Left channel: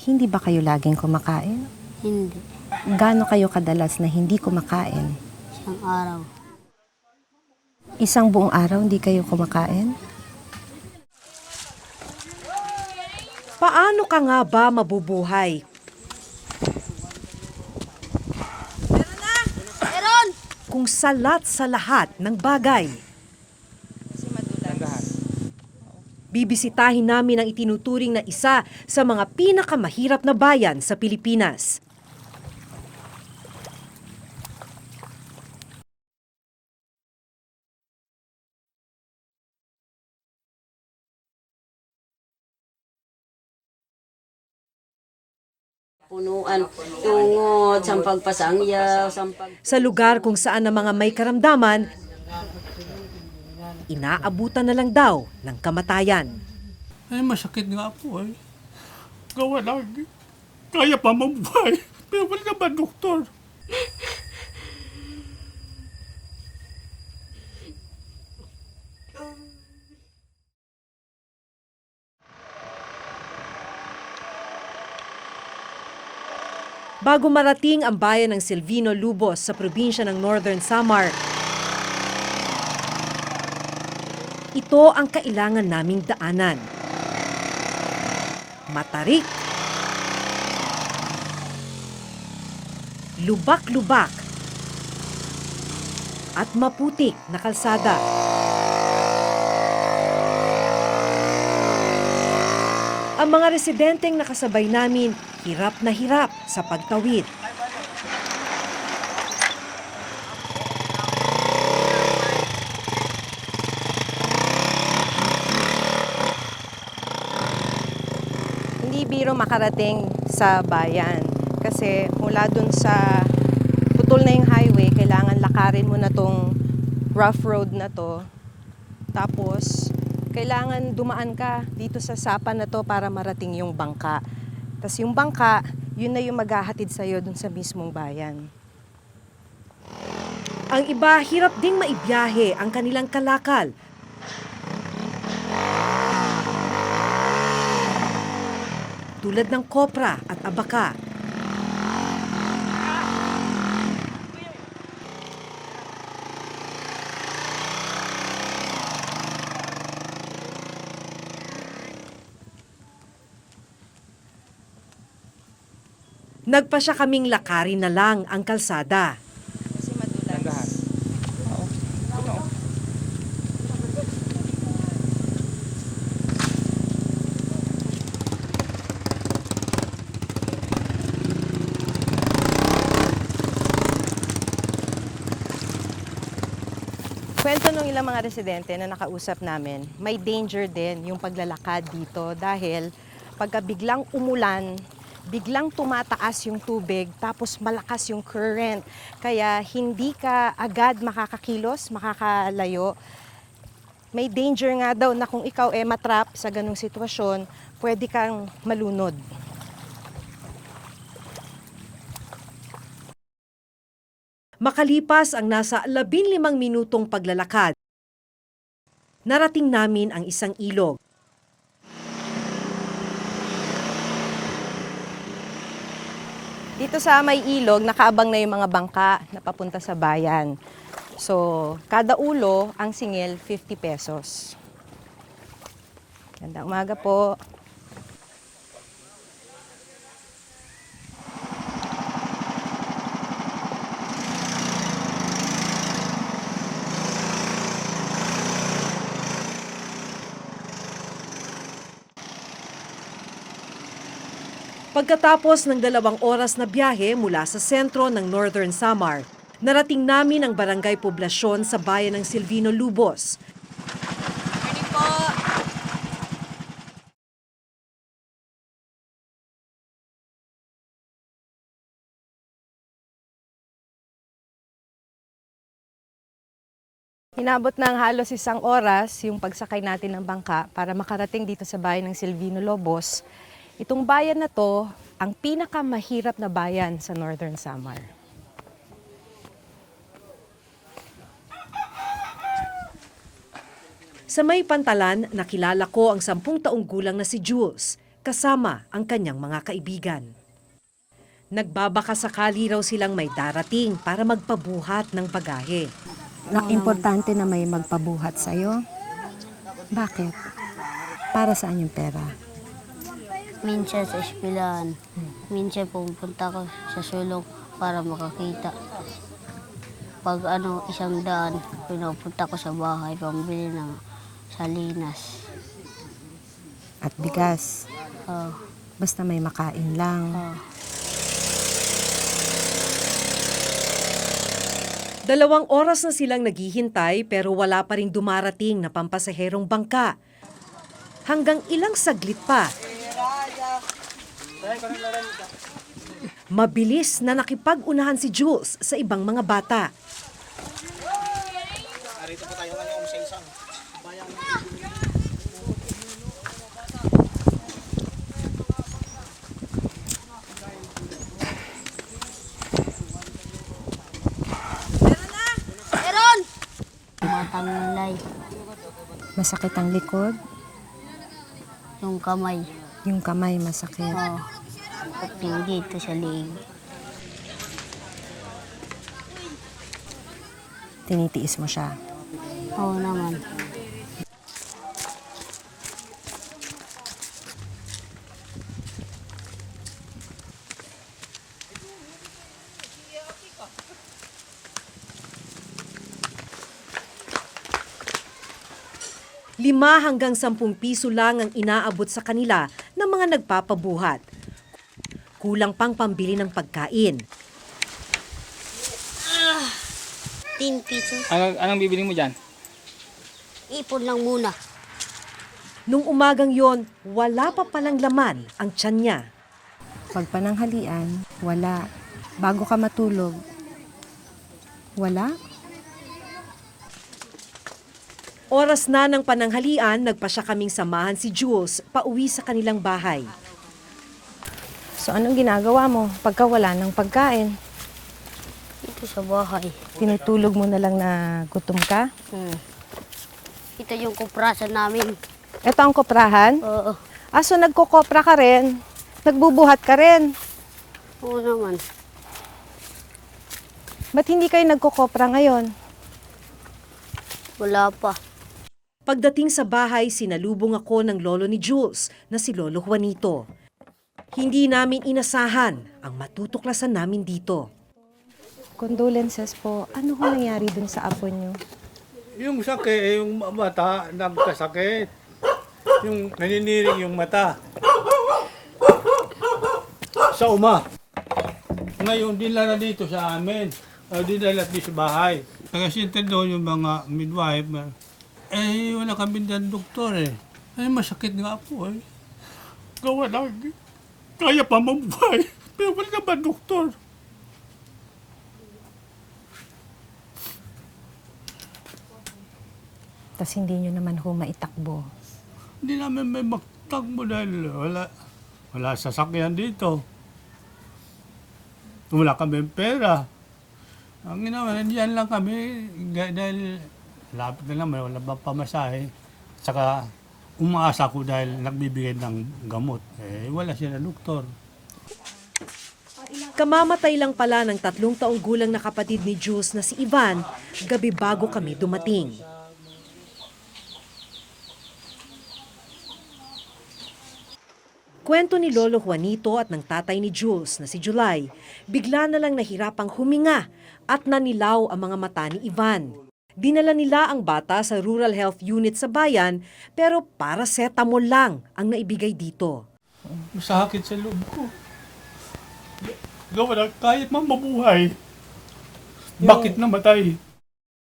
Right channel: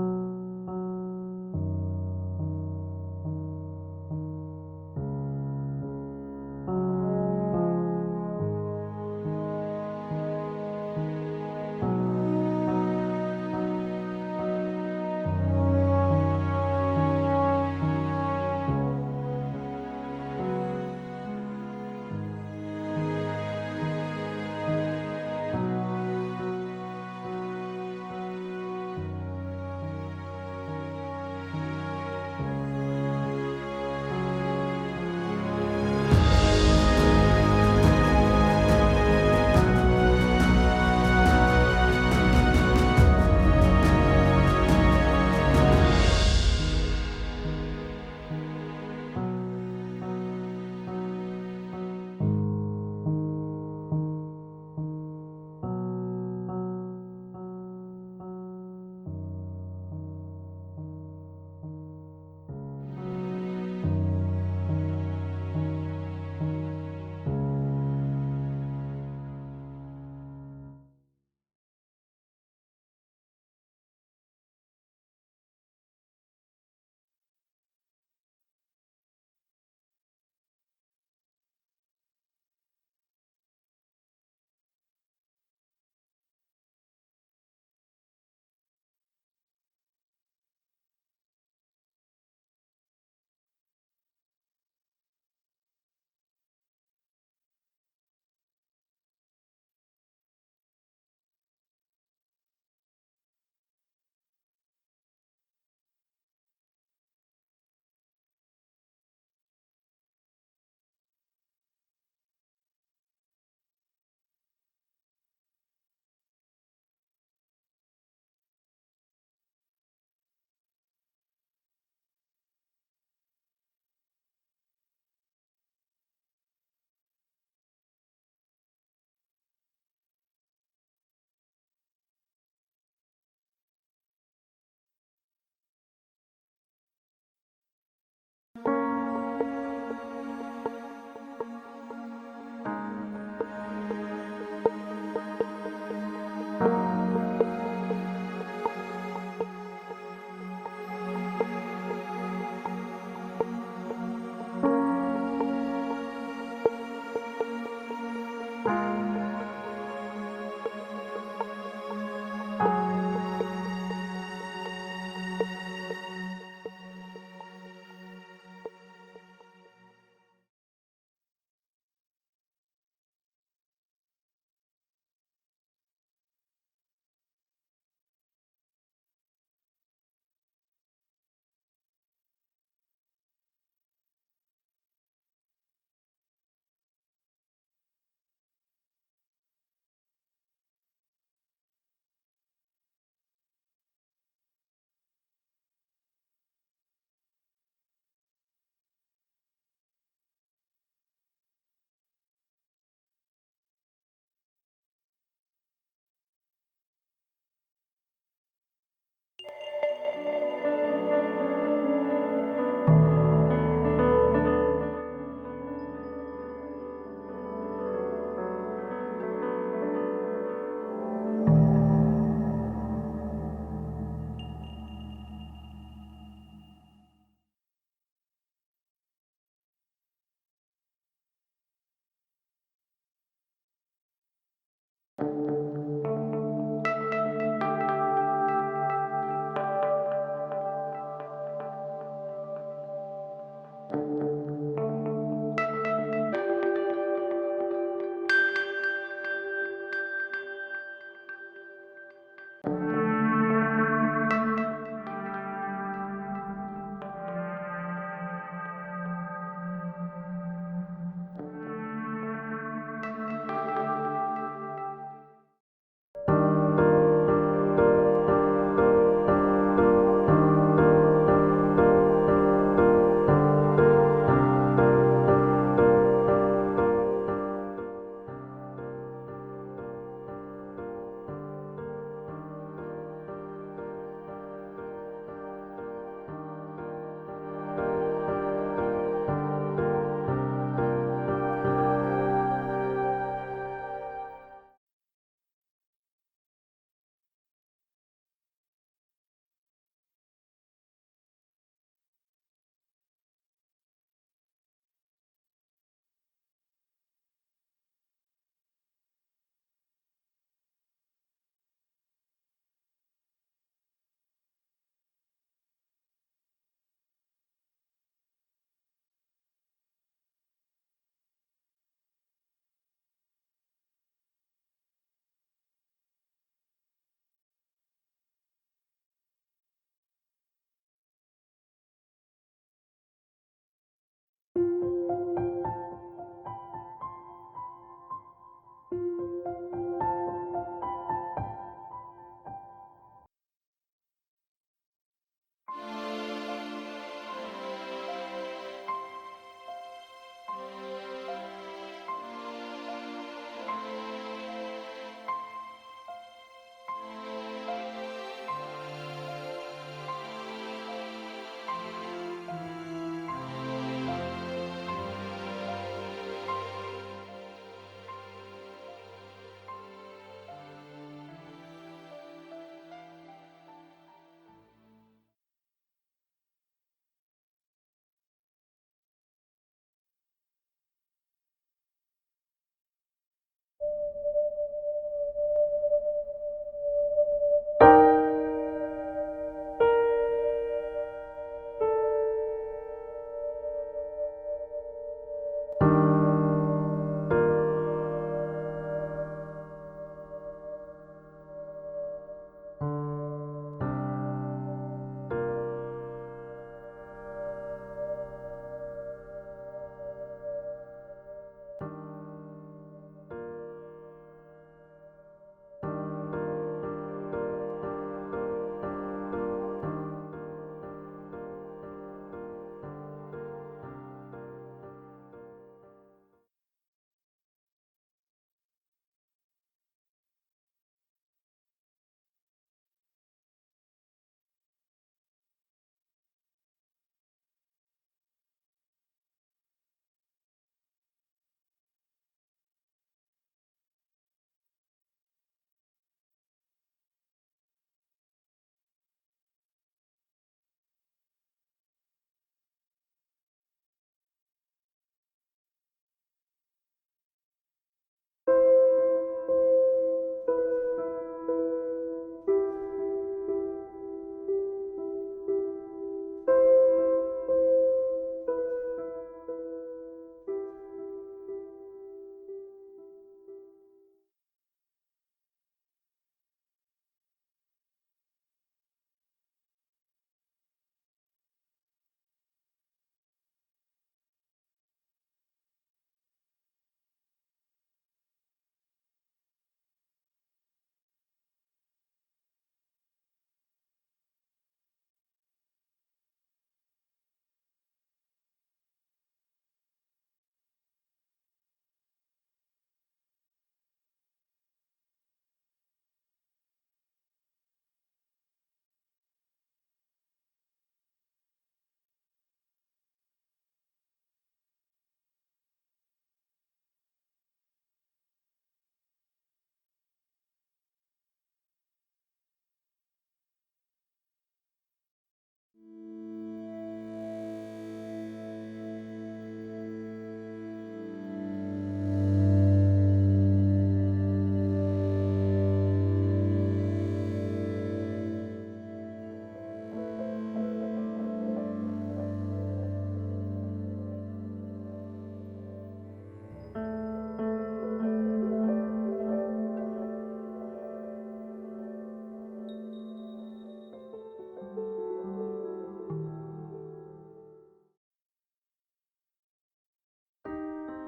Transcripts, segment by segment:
Hindi ba kayo laging kumakain? Hindi. Gaano kayo kadalas na hindi kumakain? Isang araw. Isang buong araw hindi kayo kumakain? Paano ka nga ba mabubuhay? Meron! Kung salat sa lahat ng bagay. Bibisitahin namin ang itinuturing na isa sa mga pinakamahirap na bayan sa Pilipinas. Tungod, sampag pasangyaw, sampag... Sa lugar kung saan ang mga may karamdaman, inaabutan na lang daw ng kamatayan. Ay, masakit nga po ay. Gawa lang. Kaya pa mabuhay. Pero wala naman, doktor. Bago marating ang bayan ng Silvino Lubos sa probinsya ng Northern Samar, ito ang kailangan naming daanan. Matarik, lubak-lubak, at maputik na kalsada. Ang mga residenteng nakasabay namin, hirap na hirap sa pagtawid. Hindi biro makarating sa bayan. Kasi mula dun sa putol na yung highway, kailangan lakarin mo na tong rough road na to. Tapos, kailangan dumaan ka dito sa sapa na to para marating yung bangka. Tapos yung bangka, yun na yung maghahatid sa'yo dun sa mismong bayan. Ang iba, hirap ding maibiyahe ang kanilang kalakal. Tulad ng kopra at abaka. Nagpasya kaming lakarin na lang ang kalsada. Kasi madulas. Kwento nung ilang mga residente na nakausap namin, may danger din yung paglalakad dito dahil pagka biglang umulan, biglang tumataas yung tubig tapos malakas yung current. Kaya hindi ka agad makakakilos, makakalayo. May danger nga daw na kung ikaw matrap sa ganung sitwasyon, pwede kang malunod. Makalipas ang nasa 15 minutong paglalakad, narating namin ang isang ilog. Dito sa may ilog, nakaabang na yung mga bangka na papunta sa bayan. So, kada ulo, ang singil, 50 pesos. Ganda umaga po. Pagkatapos ng 2 oras na biyahe mula sa sentro ng Northern Samar, narating namin ang barangay poblasyon sa bayan ng Silvino Lubos. Inabot ng halos 1 oras yung pagsakay natin ng bangka para makarating dito sa bayan ng Silvino Lubos. Itong bayan na to, ang pinakamahirap na bayan sa Northern Samar. Sa may pantalan, nakilala ko ang 10 taong gulang na si Jules. kasama ang kanyang mga kaibigan. Nagbabaka sakali raw silang may darating para magpabuhat ng bagahe. Importante na may magpabuhat sa'yo. Bakit? Para saan yung pera? Minsan sa eskwelahan. Minsan pupunta ko sa sulok para makakita. Pag isang daan, pinupunta ko sa bahay pambili ng salinas. At bigas. Oh, Basta may makain lang. oh. 2 oras na silang naghihintay pero wala pa ring dumarating na pampasaherong bangka. Hanggang ilang saglit pa. Mabilis na nakipag-unahan si Jules sa ibang mga bata. Matangilay. Masakit ang likod. Yung kamay. Yung kamay masakit. Oh. At yung dito sa liig. Tinitiis mo siya. Oo naman. ₱5 hanggang 10 piso lang ang inaabot sa kanila ng mga nagpapabuhat. Kulang pang pambili ng pagkain. 10 pesos. Anong bibiling mo dyan? Ipon lang muna. Nung umagang yon, wala pa palang laman ang tiyan niya. Pag pananghalian, wala. Bago ka matulog, wala. Oras na ng pananghalian, nagpasya kaming samahan si Jules pauwi sa kanilang bahay. So anong ginagawa mo pagka wala ng pagkain? Ito sa bahay. Tinutulog mo na lang na gutom ka? Ito yung kuprasan namin. Ito ang koprahan? Oo. So nagkukopra ka rin? Nagbubuhat ka rin? Oo naman. Ba't hindi kayo nagkukopra ngayon? Wala pa. Pagdating sa bahay, sinalubong ako ng lolo ni Jules na si Lolo Juanito. Hindi namin inasahan ang matutuklasan namin dito. Condolences po. Ano ho nangyari dun sa apo niyo? Yung sakit, yung mata, nagkasakit. Yung naniniring yung mata. Sa uma. Ngayon, dinala na dito sa amin. Dinala dito sa bahay. Kasi doon yung mga midwife. Wala kami dyan doktor eh. Masakit nga po eh. Gawa lang. Kaya pa mabuhay. Pero wala naman doktor. Tapos hindi nyo naman ho maitakbo. Hindi namin may magtagbo dahil wala sasakyan dito. Wala kami pera. Ang ginawa, nandiyan lang kami dahil lapit na naman, wala bang pamasahe. Saka umaasa ko dahil nagbibigay ng gamot. Wala siya na doktor. Kamamatay lang pala ng 3 taong gulang na kapatid ni Jules na si Ivan, gabi bago kami dumating. Kwento ni Lolo Juanito at ng tatay ni Jules na si July, bigla na lang nahirapang huminga at nanilaw ang mga mata ni Ivan. Dinala nila ang bata sa Rural Health Unit sa bayan pero paracetamol lang ang naibigay dito. Sakit sa loob ko. Gawa na, kahit man mabuhay. Bakit namatay?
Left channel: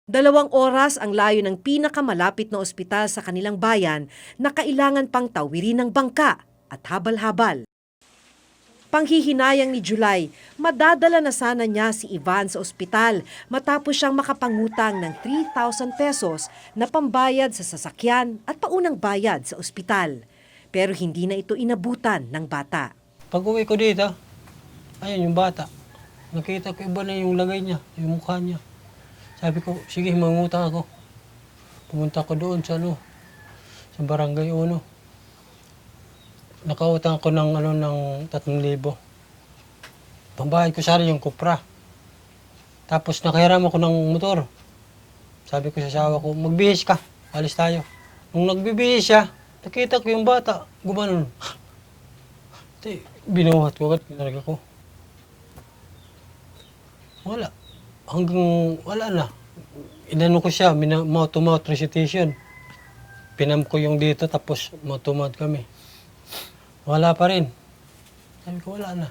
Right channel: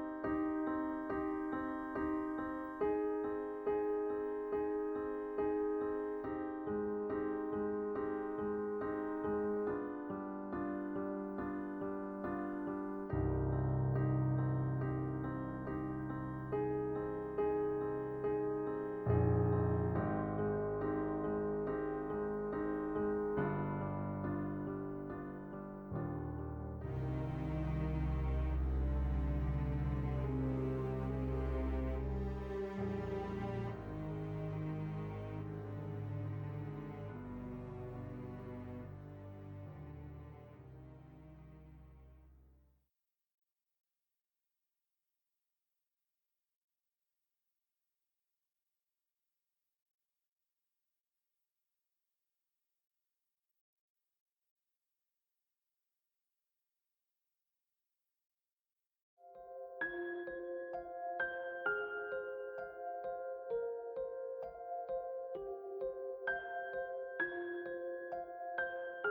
2 oras ang layo ng pinakamalapit na ospital sa kanilang bayan na kailangan pang tawirin ng bangka at habal-habal. Panghihinayang ni July, madadala na sana niya si Ivan sa ospital matapos siyang makapangutang ng 3,000 pesos na pambayad sa sasakyan at paunang bayad sa ospital. Pero hindi na ito inabutan ng bata. Pag uwi ko dito, ayun yung bata. Nakita ko iba na yung lagay niya, yung mukha niya. Sabi ko, sige, mangutang ako. Pumunta ko doon sa sa Barangay 1. nakautang ko ng, ng 3,000. Pambayad ko sana yung kupra. Tapos nakahiram ako ng motor. Sabi ko sa asawa ko, magbihis ka, alis tayo. Nung nagbibihis siya, nakita ko yung bata, gumanon. Binuhat ko agad, pinarga ko. Wala. Hanggang wala na. Inano ko siya, mouth-to-mouth recitation. Pinam ko yung dito, tapos mouth-to-mouth kami. Wala pa rin. Sabi ko, wala na.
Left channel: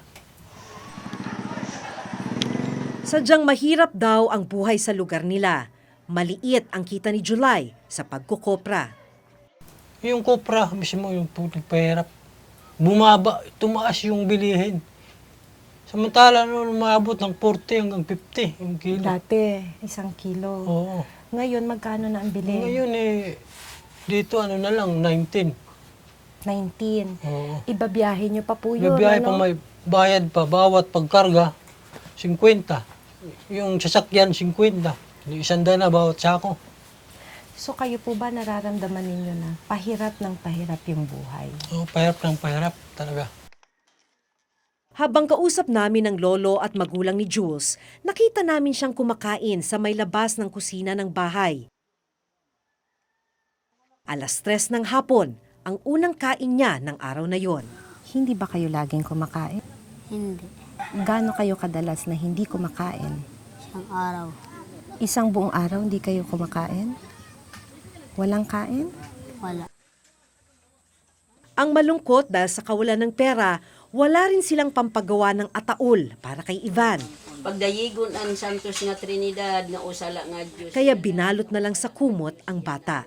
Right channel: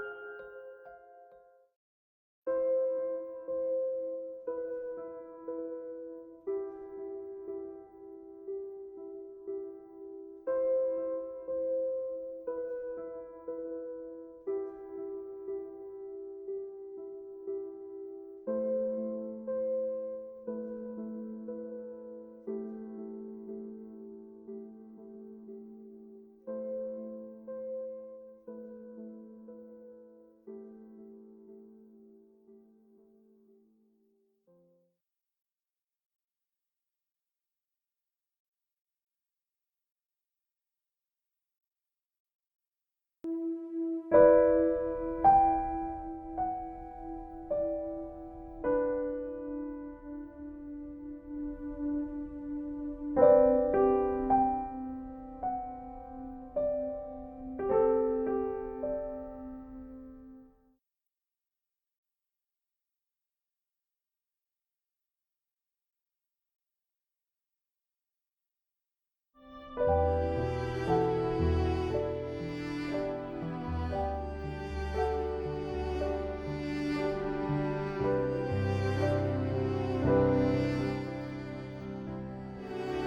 Sadyang mahirap daw ang buhay sa lugar nila. Maliit ang kita ni July sa pagkukopra. Yung kopra, mismo yung pahirap. Bumaba, tumaas yung bilihin. Samantala, umabot ng 40 hanggang 50 yung kilo. Dati, 1 kilo. Oo. Ngayon, magkano na ang bili? Ngayon dito na lang, 19. 19. Oo. Ibabiyahe nyo pa po yun. Bibiyahe pa, may bayad pa, bawat pagkarga, 50. Yung sasakyan, 50. 100 na bawat sako. So kayo po ba nararamdaman ninyo na pahirap ng pahirap yung buhay? Oo, pahirap ng pahirap talaga. Habang kausap namin ang lolo at magulang ni Jules, nakita namin siyang kumakain sa may labas ng kusina ng bahay. 3:00 ng hapon, ang unang kain niya ng araw na yon. Hindi ba kayo laging kumakain? Hindi. Gaano kayo kadalas na hindi kumakain? Isang araw. Isang buong araw hindi kayo kumakain? Walang kain? Wala. Ang malungkot dahil sa kawalan ng pera, wala rin silang pampagawa ng ataol para kay Ivan. Pagdayigon ang Santos nga Trinidad nga usa lang nga Kaya binalot na lang sa kumot ang bata.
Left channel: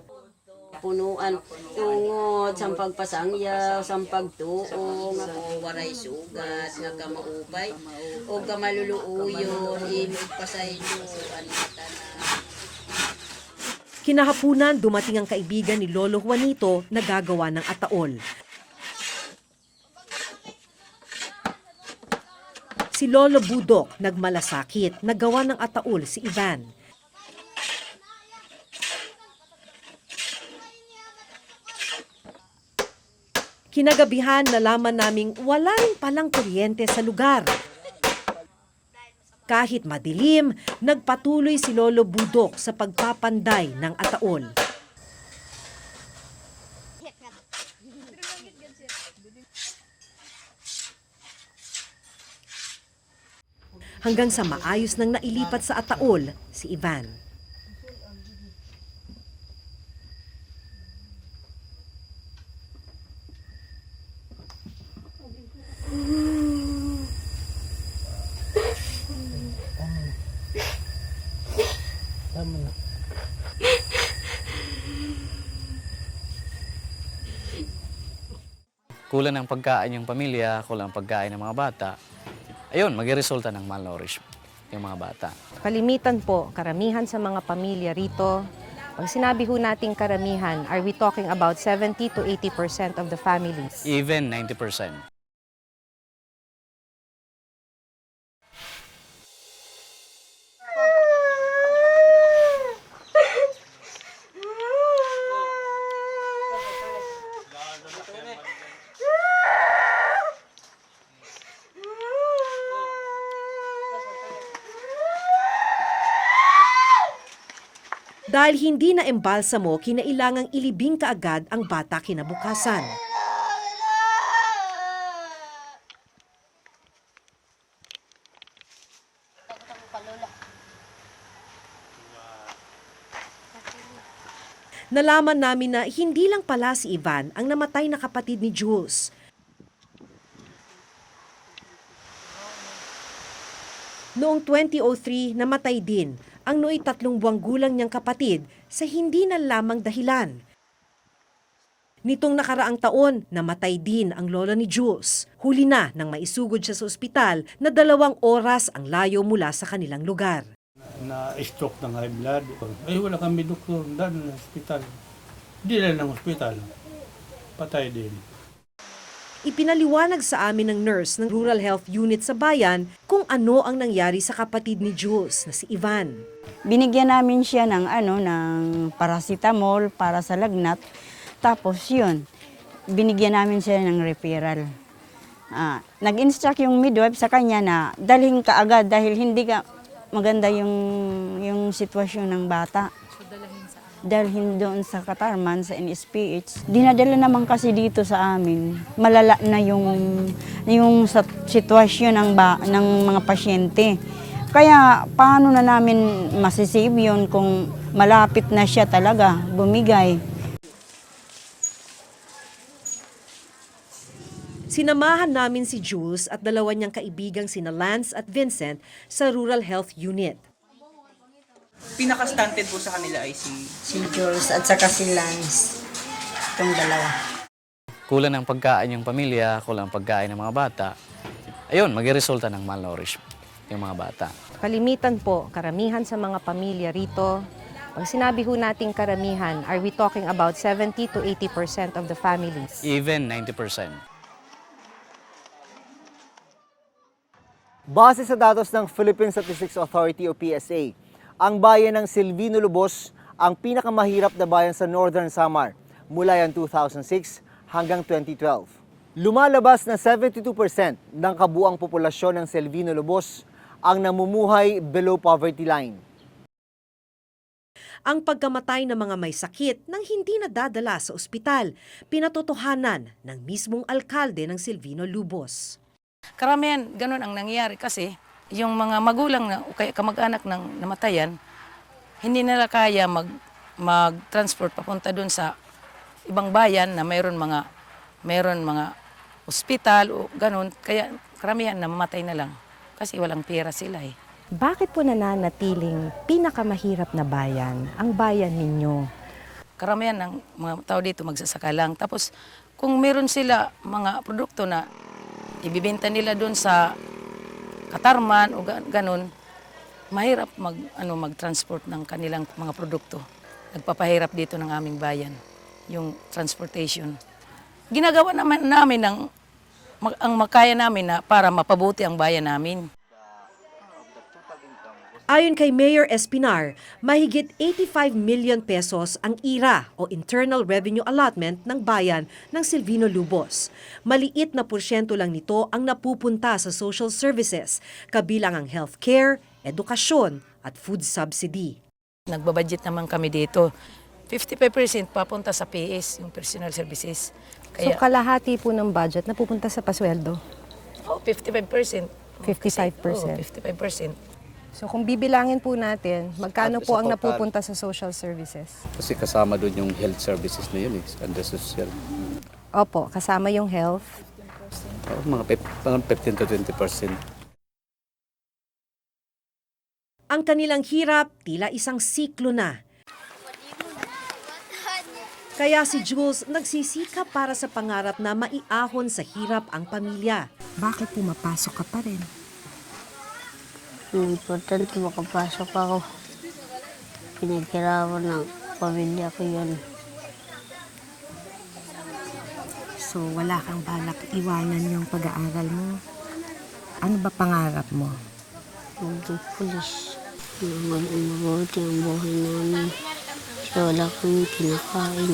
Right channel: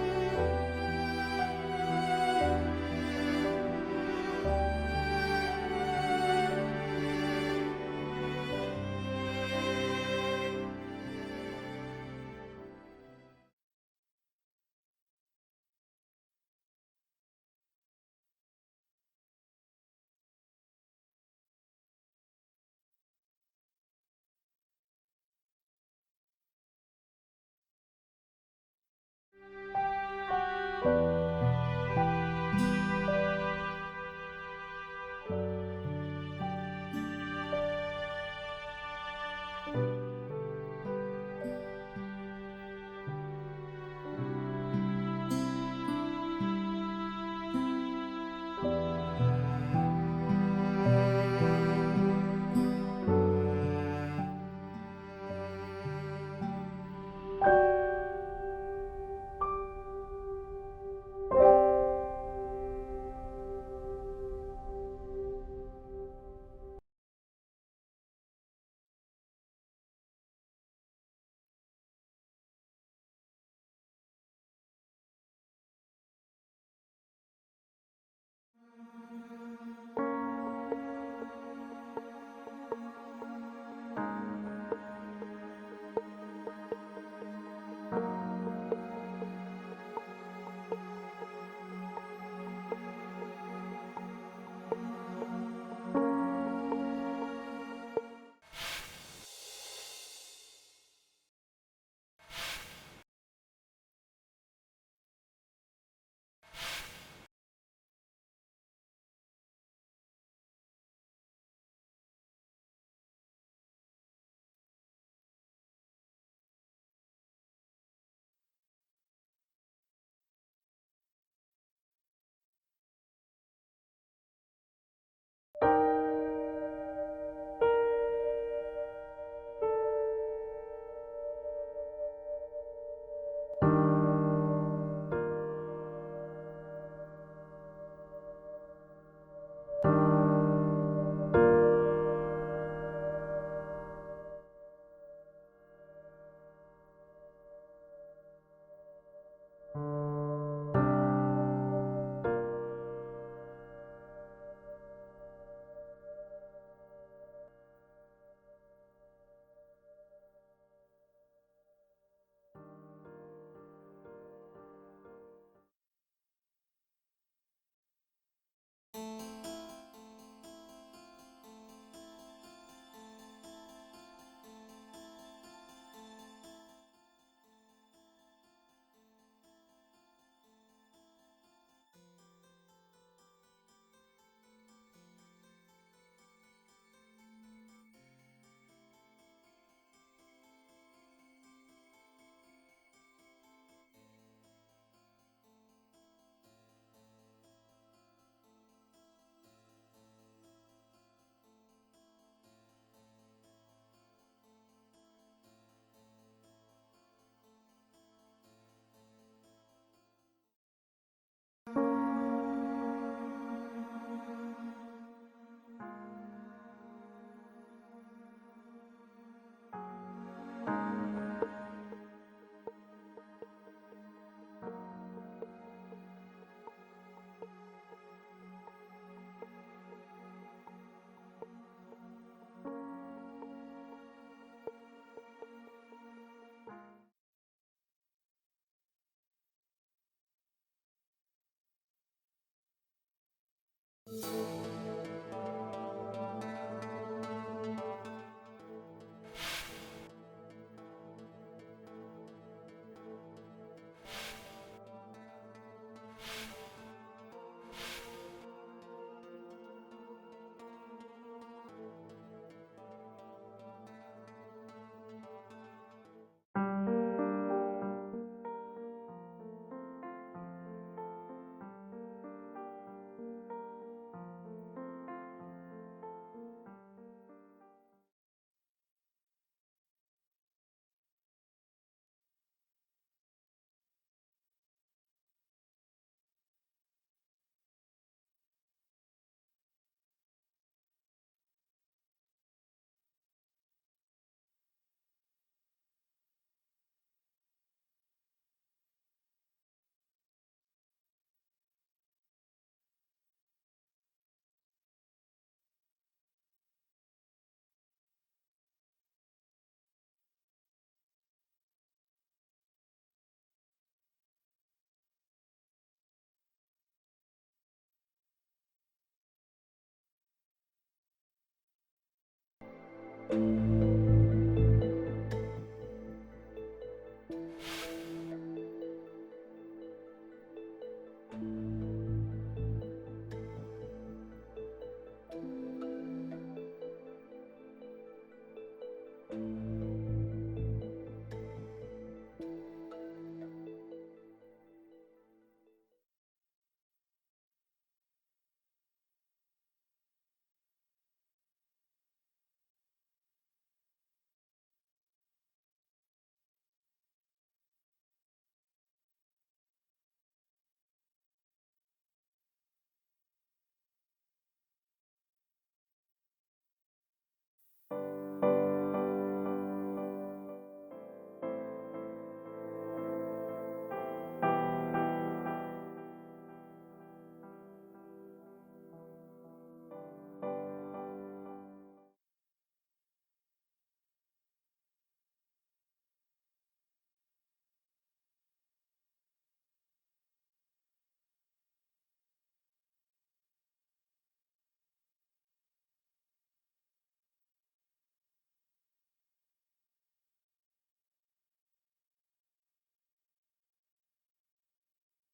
punuan tungod sa pagpasangyaw, sa pagtuo, waray sugat, nga kamaubay, o kamalulubuyo, ibig pasaylo, Kinahapunan, dumating ang kaibigan ni Lolo Juanito na gagawa ng ataol. Si Lolo Budok nagmalasakit, nagawa ng ataol si Ivan. Kinagabihan, nalaman naming wala rin palang kuryente sa lugar. Kahit madilim, nagpatuloy si Lolo Budok sa pagpapanday ng ataol. Hanggang sa maayos nang nailipat sa ataol si Ivan. Tama na. Kulang ng pagkain yung pamilya, kulang ng pagkain ng mga bata, ayun, magre-resulta ng malnourishment yung mga bata. Kalimitan po, karamihan sa mga pamilya rito, pag sinabi ho nating karamihan, are we talking about 70 to 80% of the families? Even 90%. Dahil hindi na embalsamo, kinailangang ilibing kaagad ang bata kinabukasan. Nalaman namin na hindi lang pala si Ivan ang namatay na kapatid ni Jules. Noong 2003, namatay din ang nooy 3 buwang gulang niyang kapatid sa hindi na lamang dahilan. Nitong nakaraang taon, namatay din ang lola ni Jules. Huli na nang maisugod siya sa ospital na 2 oras ang layo mula sa kanilang lugar. Na-stroke ng high blood. Ay, wala kami doktor doon sa ospital. Hindi na ng ospital. Patay din. Ipinaliwanag sa amin ng nurse ng Rural Health Unit sa bayan kung ano ang nangyari sa kapatid ni Jules na si Ivan. Binigyan namin siya ng paracetamol para sa lagnat. Tapos yun, binigyan namin siya ng referral. Nag-instruct yung midwife sa kanya na dalhin ka agad dahil hindi ka maganda yung sitwasyon ng bata. Dalhin doon sa Katarman, sa NSPH. Dinadala naman kasi dito sa amin. Malala na yung sitwasyon ng mga pasyente. Kaya paano na namin masisave yun kung malapit na siya talaga bumigay. Sinamahan namin si Jules at dalawa niyang kaibigang sina Lance at Vincent sa Rural Health Unit. Pinaka-stunted po sa kanila ay Si Jules at saka si Lance. Itong dalawa. Kulang ng pagkain yung pamilya, kulang ng pagkain ng mga bata. Ayun, magresulta ng malnourished yung mga bata. Kalimitan po, karamihan sa mga pamilya rito, pag sinabi ho nating karamihan, are we talking about 70 to 80% of the families? Even 90%. Base sa datos ng Philippine Statistics Authority o PSA, ang bayan ng Silvino Lubos ang pinakamahirap na bayan sa Northern Samar mula yan 2006 hanggang 2012. Lumalabas na 72% ng kabuang populasyon ng Silvino Lubos ang namumuhay below poverty line. Ang pagkamatay ng mga may sakit nang hindi nadadala sa ospital, pinatotohanan ng mismong alkalde ng Silvino Lubos. Karamihan, ganun ang nangyayari kasi yung mga magulang na o kaya kamag-anak ng namatayan, hindi nila kaya mag-transport papunta doon sa ibang bayan na mayroon mga ospital o ganun. Kaya karamihan namamatay na lang kasi walang pera sila eh. Bakit po nananatiling pinakamahirap na bayan ang bayan ninyo? Karamihan ng mga tao dito magsasaka lang. Tapos kung meron sila mga produkto na ibibenta nila doon sa Katarman o ganun, mahirap mag-transport ng kanilang mga produkto. Nagpapahirap dito ng aming bayan, yung transportation. Ginagawa namin ang makaya namin na para mapabuti ang bayan namin. Ayon kay Mayor Espinar, mahigit 85 million pesos ang IRA o Internal Revenue Allotment ng bayan ng Silvino Lubos. Maliit na porsyento lang nito ang napupunta sa social services, kabilang ang healthcare, edukasyon at food subsidy. Nagbabudget naman kami dito. 55% papunta sa PS, yung personal services. So kalahati po ng budget napupunta sa pasweldo? 55%. 55%. 55%. So kung bibilangin po natin, magkano po ang napupunta sa social services? Kasi kasama doon yung health services na yun, under social. Opo, kasama yung health. Mga 15 to 20%. Ang kanilang hirap tila isang siklo na. Kaya si Jules nagsisikap para sa pangarap na maiahon sa hirap ang pamilya. Bakit pumapasok ka pa rin? Ang importante makapasok ako. Pinaghirapan ng pamilya ko yun. So wala kang balak iwanan yung pag-aaral mo? Ano ba pangarap mo? Maging pulis. Mabuti ang buhay namin. Kasi wala kang kinakain.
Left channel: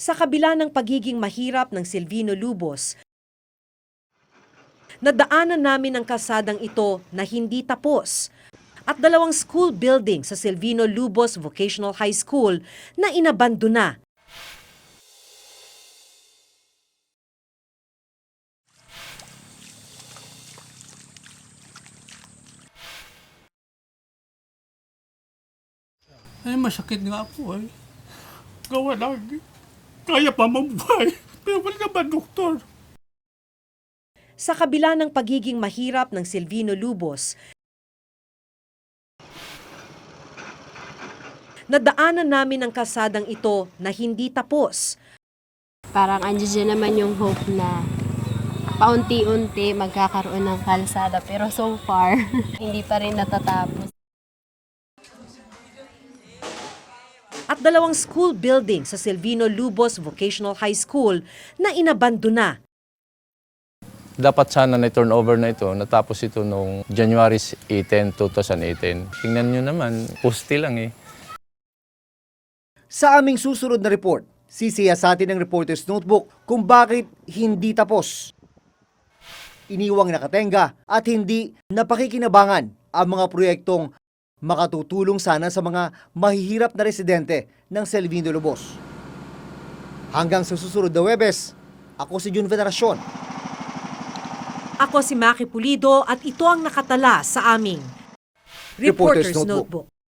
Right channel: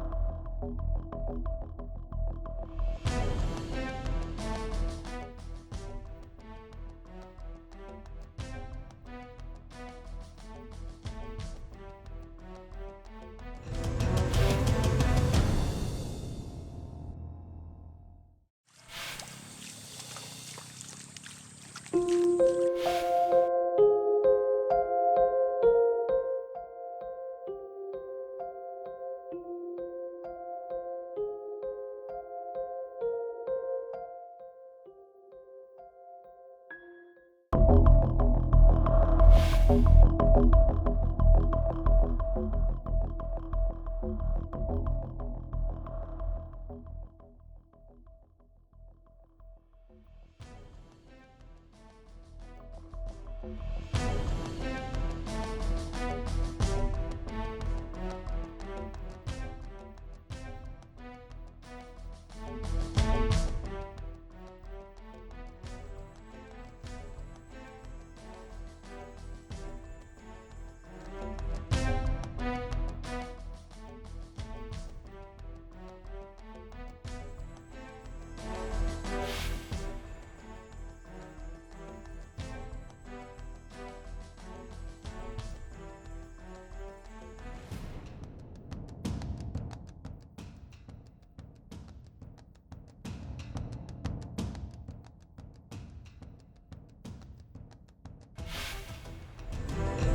Sa kabila ng pagiging mahirap ng Silvino Lubos, nadaanan namin ang kalsadang ito na hindi tapos at dalawang school building sa Silvino Lubos Vocational High School na inabandona. Ay, masakit nga po eh. Gawa lang. Kaya pa mabuhay. Pero wala naman, doktor. Sa kabila ng pagiging mahirap ng Silvino Lubos, nadaanan namin ang kalsadang ito na hindi tapos. Parang andyan naman yung hope na paunti-unti magkakaroon ng kalsada. Pero so far, hindi pa rin natatapos. At dalawang school building sa Silvino Lubos Vocational High School na inabandona. Dapat sana na turnover na ito, natapos ito noong January 18, 2018. Tingnan nyo naman, poste lang eh. Sa aming susunod na report, Sisiyasatin ng Reporter's Notebook kung bakit hindi tapos. Iniwang nakatenga at hindi napakikinabangan ang mga proyektong makatutulong sana sa mga mahihirap na residente ng Selvino Lobos. Hanggang sa susunod na Huwebes, ako si Jun Veneracion. Ako si Maki Pulido at ito ang nakatala sa aming Reporter's Reporter's Notebook. Notebook.